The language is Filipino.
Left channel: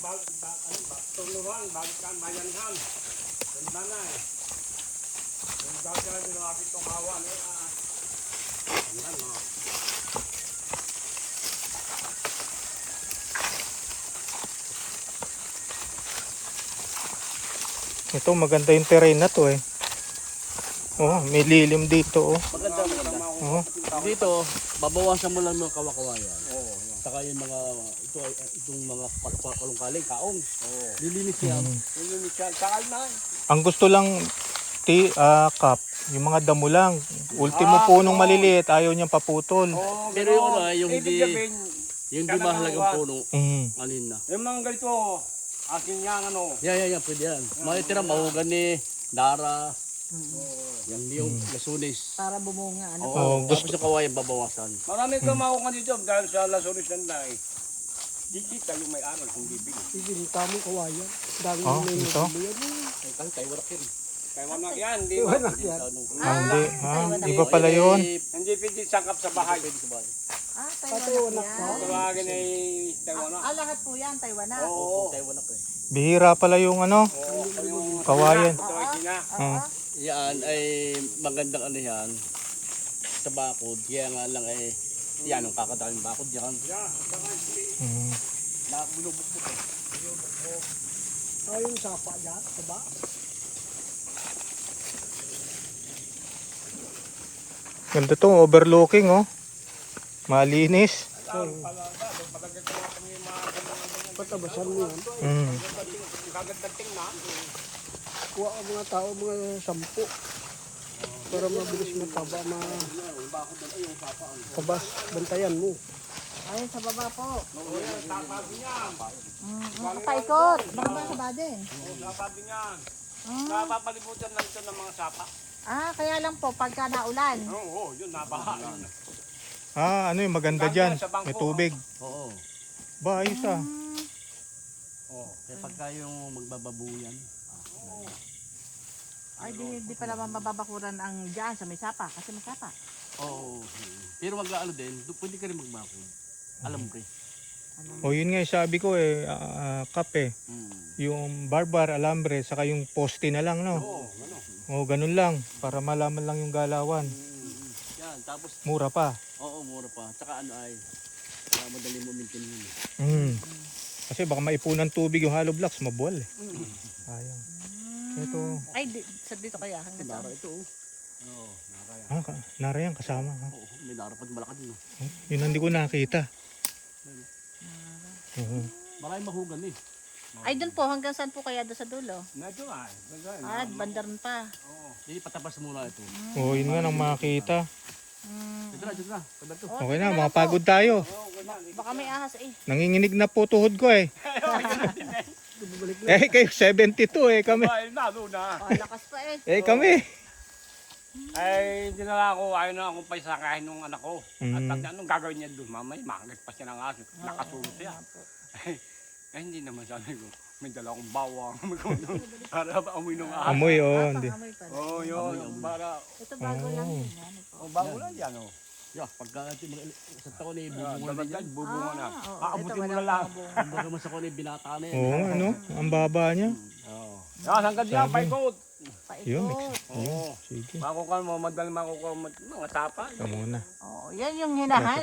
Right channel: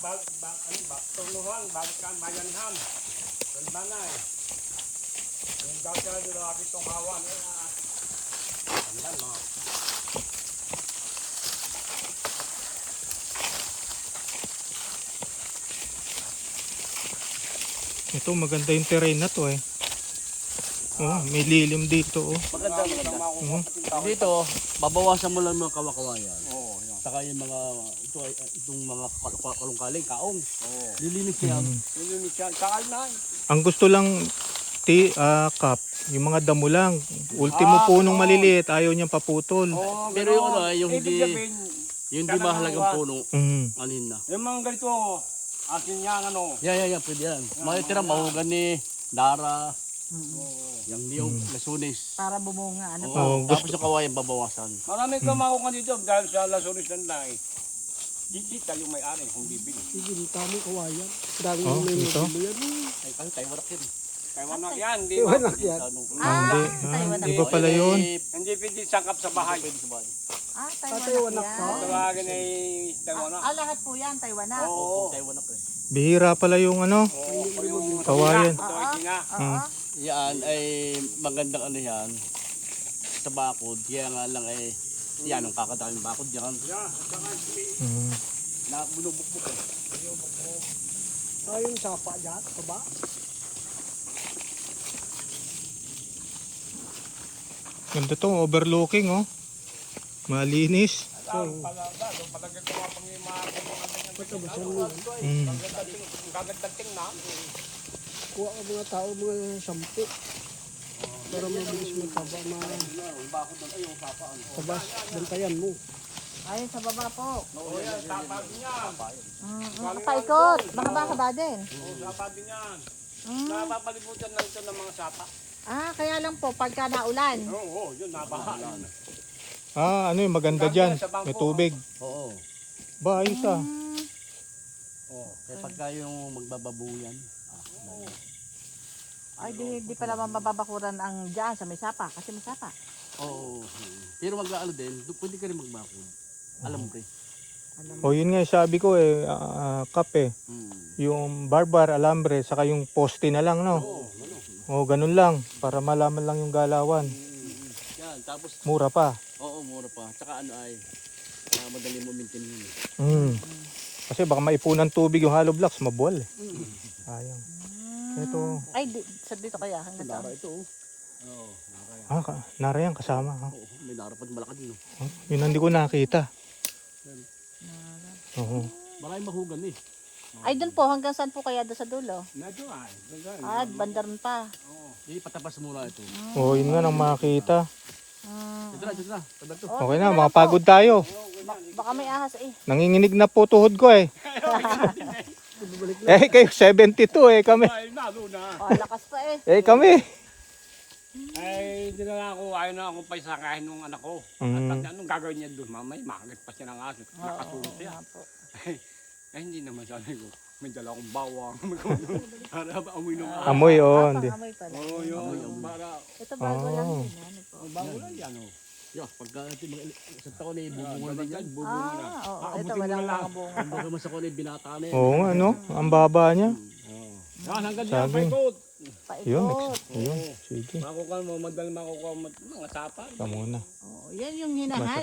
Tulungan, balikan, mayanhan. Ang nanay. Yung dagat, lagi itong kawan. Ito maganda yung terrain na to eh. Oh, may lilim dito oh. Maganda. Oh. Dito, babawasan mo lang mga kawakawayan. Oo. Saka yung mga, itong mga kalungkaling, kaong. Oo. Lilinis yun. Lilinis yan. Saka na. Ang gusto lang Kap, yung mga damo lang. Ultimo punong maliliit, ayaw niyang paputol. Pero yung ano, yung hindi mahalagang puno, alin na. Yung mga ganito, akin nga ano. Yeah, pwede yan. Mga tira, mahogani, dara, yung niyog, lasunis. Para bumunga. Ano? Oo, tapos yung kawayan babawasan. Marami kamaho ka dito dahil sa lasuris ng dahil. Dikita yung may-ari kung bibili. Bibili, tamang kawayan. Dami Oh, ito? Ay, kasi tayo warak yun. Taiwanak yan, hindi. Warak yan. Hindi. Iba pala yun. Hindi pwede sangkap sa bahay. Taiwan yan. Tawagin ay Taiwanak. Lahat po yan, Taiwan na. Oo. Bihira pala yung ano, kawayan. Ito ay sina. Yan ay magandang ano yan. Sa bakod, kaya nga lang ay yan ang kakadaming bakod yan. Na binubukbuk eh. Yung sapa dyan, ba? Ganda to, overlooking oh. Malinis. Patabasan mo yan. Kuha ang mga tao, mga 10. Para mabilis magtaba na kabas, bantayan mo. Ayun sa baba po. Paikot. Baka ba din? Oo, sapa din yan. Napapalibutan lang ito ng mga sapa. Kaya lang po, pagka naulan. Oo, yun, nabaha. Ano yung maganda dyan? May tubig. Oo. Ba, ayos ah. Oo. Kaya pagka yung magbababuyan. Ay, di pala mababakuran ang dyan sa may sapa. Kasi may sapa. Oo. Pero maglaalo din, pwede ka rin magbakod. Alambre. O yun nga sabi ko eh, Kap eh. Yung barbar, alambre, saka yung poste na lang no? Oo, ano. O ganun lang, para malaman lang yung galawan. Yan, tapos, Mura pa. oo, mura pa. Tsaka ano ay, madali mo maintain yun. Kasi baka maipunan tubig yung hollow blocks, mabuwal eh. Sayang. Ito. Ay, dito kaya. Hanggang Dara saan? ito oh. Oo, nakakaya. Nara yan kasama. Oo, may dara pag malakad yun. Yun hindi ko nakita. Oo. Maraming mahugan eh. Ay, doon po. Hanggang saan po kaya doon sa dulo? Medyo ay. Bandaron pa. Hindi, patabas muna ito. Oo, yun nga nang makita. Dito na. Tabi ito. Okay na, makapagod tayo. Baka may ahas eh. Nanginginig na po tuhod ko eh. Kayo 72 eh kami. Ay, nalo na. Lakas pa eh. Kami. Ay, hindi na ako, ayaw na akong paisakahin ng anak ko. At anong gagawin niya doon? Mamay, makagat pa siya ng aso. Nakatulog siya. Ay, hindi naman sabi ko. May dala akong bawang. Para amoy ng aso. Amoy oh. Pangamoy pala. Oo, yun. Para, Ito bago lang yun. Ano po? bago lang yan, oh. Yeah, pagka sa taon eh, bubunga na yan. Bubunga na. Oo, ito Aabutin mo wala na lang. mga bunga. Kumbaga mas ako na yung binata na yan. Oo, ano? Ang baba niya. Oo. Hanggang diyan, Sabi. paikot. Yun, Paikot. sige. Makukuha mo, madali makukuha mo mga tapa. Ito muna. Oo, yan yung hinahay.